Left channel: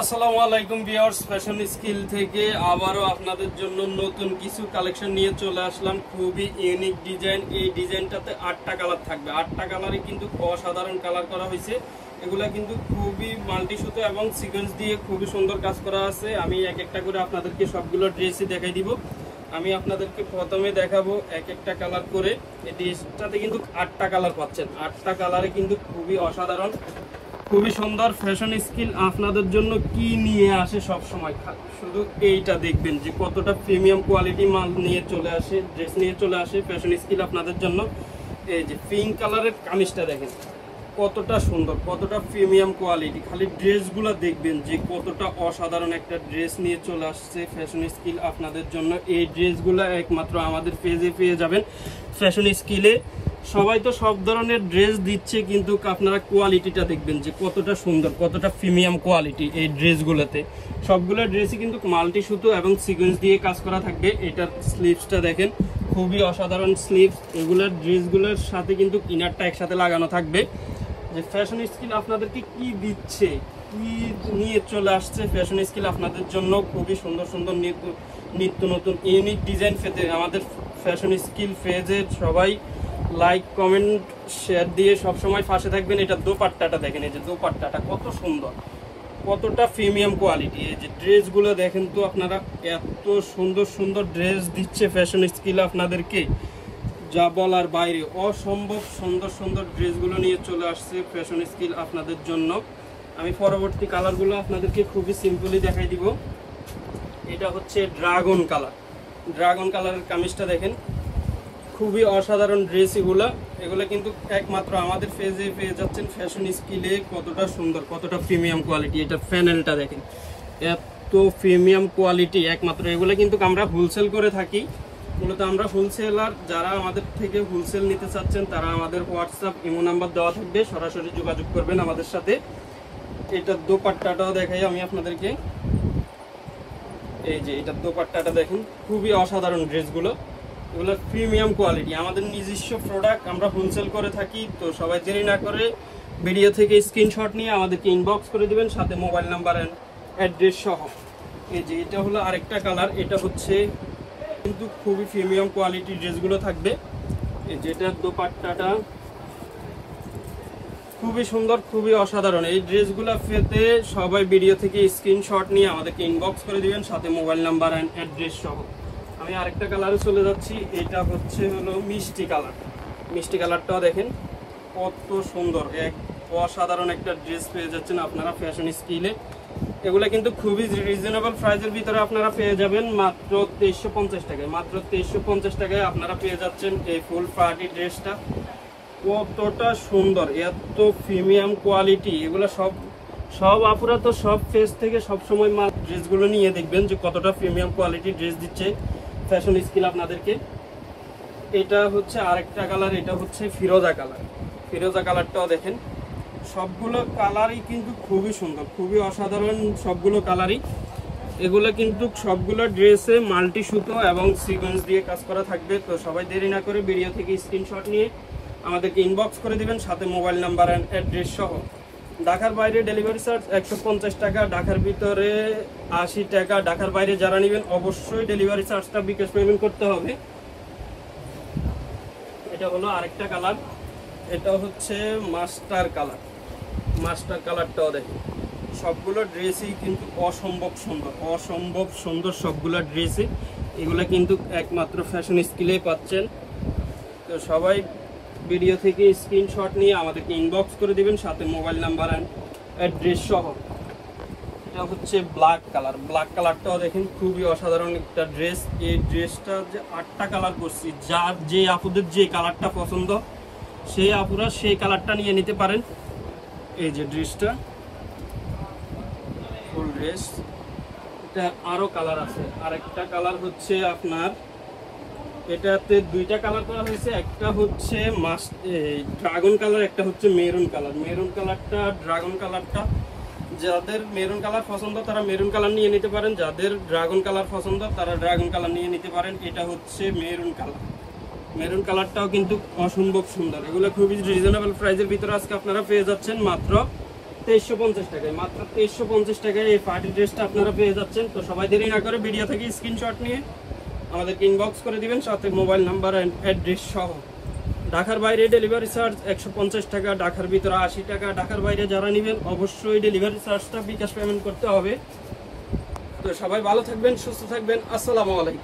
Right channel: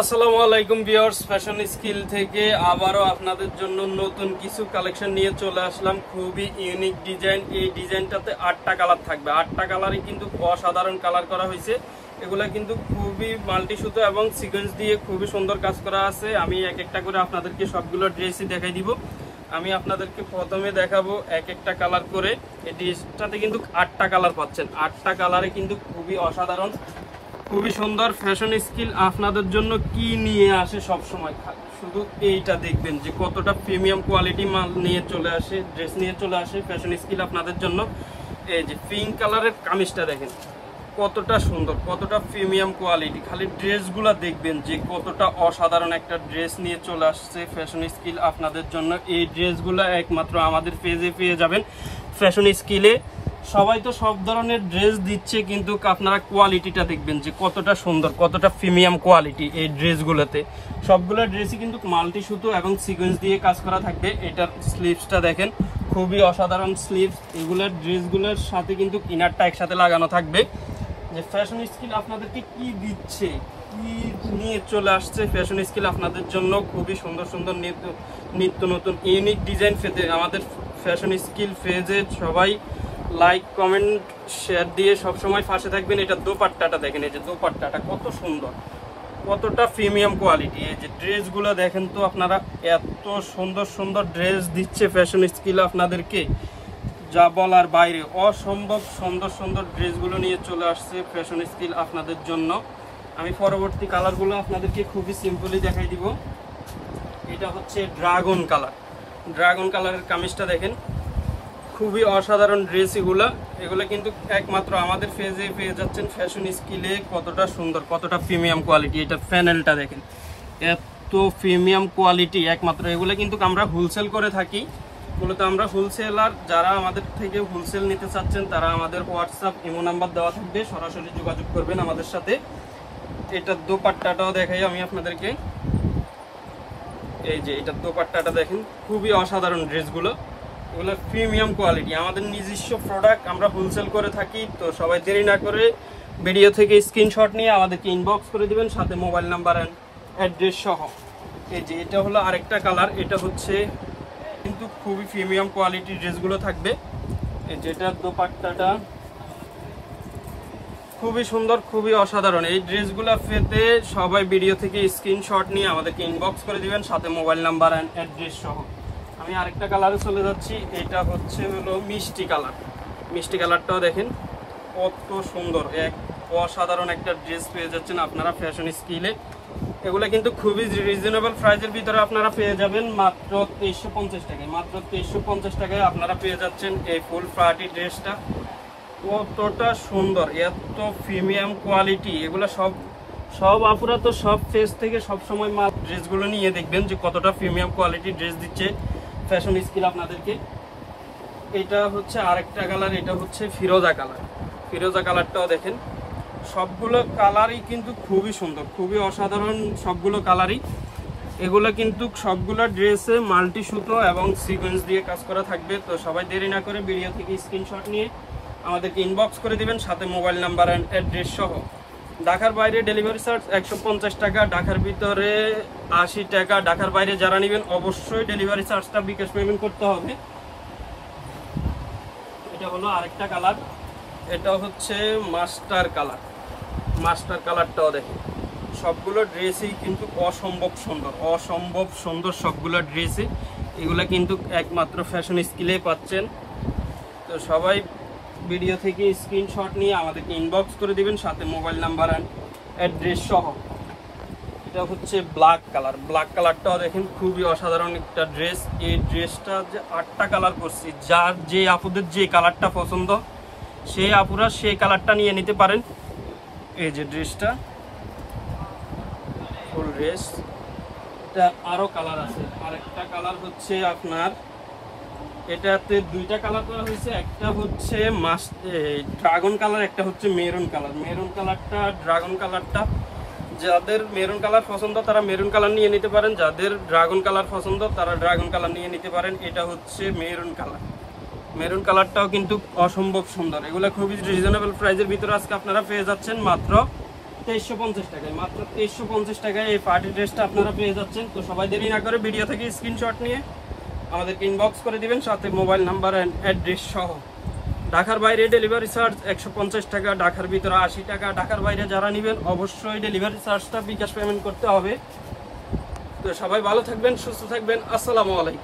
আসসালামু আলাইকুম viewers, fashion skill থেকে আবারও আপনাদের জন্য নতুন কিছু কালেকশন নিয়ে চলে আসলাম। খুবই ইউনিক ডিজাইন। এই ডিজাইনটাতে 8টা কালার থাকবে। 8টা কালারই কিন্তু অসাধারণ কালার করা হয়েছে। এগুলা কিন্তু খুবই মাল্টি সুতো এবং সিকোয়েন্স দিয়ে খুবই সুন্দর কাজ করা আছে। আমি এক একটা করে আপনাদেরকে সবগুলো ড্রেসই দেখাই দিব। আমি আপনাদেরকে প্রথমে দেখাবো এক একটা কালার করে। এই ড্রেসটাতে কিন্তু 8টা কালার পাচ্ছেন। 8টা কালারে কিন্তু খুবই অসাধারণ, খুবই সুন্দর। ফ্যাশন স্কিল আপনাদের জন্য কি নিয়ে আসে সব সময়, শুধু এইটা দেখবেন যে কতটা প্রিমিয়াম কোয়ালিটি মাল নিয়ে চলে আসে, ড্রেস নিয়ে চলে আসে ফ্যাশন স্কিল আপনাদের জন্য। এই যে পিঙ্ক কালারের কামিজটা দেখেন কতটা সুন্দর, কতটা প্রিমিয়াম কোয়ালিটি। খালি ড্রেসগুলো দেখবেন যে কতটা অসাধারণ একটা ড্রেস নিয়ে চলে আসছে ফ্যাশন স্কিল আপনাদের জন্য। এই ড্রেসগুলো একমাত্র আমাদের পেজে পেয়ে যাবেন ফ্যাশন স্কিলে। সবাই তো সব ধরনের ড্রেস দিচ্ছে, কিন্তু আপনারা কোয়ালিটিটা দেখবেন যে কতটা সুন্দর, কতটা প্রিমিয়াম কোয়ালিটি এই ড্রেসগুলোতে। সবগুলো ড্রেসই কিন্তু মাল্টি সুতো এবং সিকোয়েন্স দিয়ে কাজ করা থাকবে। এটার স্লিভসটা দেখেন খুবই অসাধারণ স্লিভস। এগুলোর ড্রেসগুলোর সাথে কিন্তু ইনারটা একসাথে লাগানো থাকবে। যে ফ্যাশন স্কিল আপনাদেরকে কি দিচ্ছে, কি নিয়ে চলে আসছে ফ্যাশন স্কিল আপনাদের জন্য। খুবই সুন্দর সুন্দর নিত্য নতুন ইউনিক ডিজাইন পেতে আমাদের ফ্যাশন স্কিল পেজে সবাই লাইক কমেন্ট শেয়ার দিয়ে সবসময় পাশে থাকবেন। এটা দোপাট্টাটা দেখেন, এই যে দোপাট্টাটা কত সুন্দর, কতটা প্রিমিয়াম কোয়ালিটি। এই যে ড্রেসগুলো দেখেন তো আপনারা, এত সুন্দর সুন্দর ড্রেস দিচ্ছে ফ্যাশন স্কিল আপনাদেরকে, যা বলার বাইরে। অসম্ভব সুন্দর সুন্দর ড্রেসগুলো নিয়ে চলে আসছে ফ্যাশন স্কিল আপনাদের জন্য। আমি পরবর্তী কালারগুলো আপনাদেরকে খুবই সিম্পলি দেখাই দিব। এটা হচ্ছে ড্রাগন কালার। ড্রাগন কালারের কামিজটা দেখেন খুবই অসাধারণ ড্রেস। এগুলো কিন্তু একমাত্র আমাদের পেজে পেয়ে যাচ্ছেন ফ্যাশন স্কিলে। কতটা সুন্দর, কতটা প্রিমিয়াম কোয়ালিটি। এটা প্যানেলটা দেখেন এত প্রিমিয়াম কোয়ালিটি। একমাত্র এগুলো কিন্তু আমরা হোলসেল করে থাকি। মূলত আমরা হোলসেলার। যারা আমাদের থেকে হোলসেল নিতে চাচ্ছেন তারা আমাদের হোয়াটসঅ্যাপ ইমো নাম্বার দেওয়া থাকবে, সরাসরি যোগাযোগ করবেন আমাদের সাথে। এটার দোপাট্টাটাও দেখাই আমি আপনাদেরকে। এই যে এটার দোপাট্টাটা দেখেন খুবই অসাধারণ ড্রেসগুলো। এগুলো প্রিমিয়াম কোয়ালিটি, আমাদের নিজস্ব প্রোডাক্ট, আমরা হোলসেল করে থাকি। তো সবাই দেরি না করে ভিডিও থেকে স্ক্রিনশট নিয়ে আমাদেরকে ইনবক্স করে দিবেন, সাথে মোবাইল নাম্বার অ্যান্ড অ্যাড্রেস সহ। এই যে এটা হলো আরেকটা কালার। এটা হচ্ছে কিন্তু খুবই প্রিমিয়াম কোয়ালিটির ড্রেসগুলো থাকবে। এই যে এটার দোপাট্টাটা খুবই সুন্দর, খুবই অসাধারণ। এই ড্রেসগুলো পেতে সবাই ভিডিও থেকে স্ক্রিনশট নিয়ে আমাদেরকে ইনবক্স করে দিবেন, সাথে মোবাইল নাম্বার অ্যান্ড অ্যাড্রেস সহ। আমি আরেকটা কালারে চলে যাচ্ছি। এটা হলো মিষ্টি কালার। মিষ্টি কালারটাও দেখেন কত সুন্দর, এক অসাধারণ একটা ড্রেস পেয়ে যাচ্ছেন আপনারা ফ্যাশন স্কিলে। এগুলো কিন্তু খুবই রিজনেবল প্রাইসের ভিতরে আপনারা পেয়ে যাবেন মাত্র 2350 টাকায়। মাত্র 2350 টাকায় আপনারা পেয়ে যাচ্ছেন এই ফুল পার্টি ড্রেসটা। কতটা সুন্দর, এত প্রিমিয়াম কোয়ালিটি। এগুলো সব আপুরা তো সব পেজ থেকে সবসময় মাল ড্রেসগুলো নিয়ে দেখবেন যে কতটা প্রিমিয়াম কোয়ালিটি ড্রেস দিচ্ছে ফ্যাশন স্কিল আপনাদেরকে। এটা হচ্ছে আরেকটা কালার। এটা হচ্ছে ফিরোজা কালার। ফিরোজা কালারটাও দেখেন সবগুলো কালারই কিন্তু খুবই সুন্দর, খুবই অসাধারণ সবগুলো কালারই। এগুলো কিন্তু সবগুলো ড্রেসে মাল্টি সুতো এবং সিকোয়েন্স দিয়ে কাজ করা থাকবে। তো সবাই দেরি না করে ভিডিও থেকে স্ক্রিনশট নিয়ে আমাদেরকে ইনবক্স করে দিবেন, সাথে মোবাইল নাম্বার অ্যান্ড অ্যাড্রেস সহ। ঢাকার বাইরে ডেলিভারি চার্জ 150 টাকা, ঢাকার ভিতরে 80 টাকা। ঢাকার বাইরে যারা নেবেন অবশ্যই ডেলিভারি চার্জটা বিকাশ পেমেন্ট করতে হবে। এটা হলো আরেকটা কালার। এটা হচ্ছে মাস্টার কালার। মাস্টার কালারটাও দেখেন সবগুলো ড্রেসই কিন্তু অসম্ভব সুন্দর, অসম্ভব সুন্দর সবগুলো ড্রেসই। এগুলো কিন্তু একমাত্র ফ্যাশন স্কিলে পাচ্ছেন। তো সবাই ভিডিও থেকে স্ক্রিনশট নিয়ে আমাদেরকে ইনবক্স করে দিবেন, সাথে মোবাইল নাম্বার অ্যান্ড অ্যাড্রেস সহ। এটা হচ্ছে ব্ল্যাক কালার। ব্ল্যাক কালারটাও দেখেন খুবই অসাধারণ একটা ড্রেস। এই ড্রেসটা যে 8টা কালার করছি, যার যে আপুদের যে কালারটা পছন্দ সেই আপুরা সেই কালারটা নিয়ে নিতে পারেন। এই যে ড্রেসটা ফুল ড্রেস। এটা আরো কালার আছে। আরেকটা কালার হচ্ছে আপনার, এটাতে 2টা কালার করা হয়েছে। একটা হচ্ছে ড্রাগন কালার, একটা হচ্ছে মেরুন কালার। মেরুন কালারটা, ড্রাগন কালারটা, যাদের মেরুন কালার পছন্দ তারা মেরুন কালার নিয়ে নিতে পারেন, যাদের ড্রাগন কালার পছন্দ তারা ড্রাগন কালার নিয়ে নিতে পারেন। এটা হচ্ছে মেরুন কালার। মেরুন কালারটাও কিন্তু অসম্ভব সুন্দর। এগুলো খুবই রিজনেবল প্রাইসের ভিতরে আজকে আপনারা পেয়ে যাচ্ছেন মাত্র 2350 টাকায়, মাত্র 2350 টাকায় এই পার্টি ড্রেসটা আপনারা পেয়ে যাচ্ছেন। তো সবাই দেরি না করে ভিডিও থেকে স্ক্রিনশট নিয়ে আমাদেরকে ইনবক্স করে দিবেন, সাথে মোবাইল নাম্বার অ্যান্ড অ্যাড্রেস সহ। ঢাকার বাইরে ডেলিভারি চার্জ 150 টাকা, ঢাকার ভিতরে 80 টাকা। ঢাকার বাইরে যারা নেবেন অবশ্যই ডেলিভারি চার্জটা বিকাশ পেমেন্ট করতে হবে। তো সবাই ভালো থাকবেন, সুস্থ থাকবেন, আসসালামু আলাইকুম।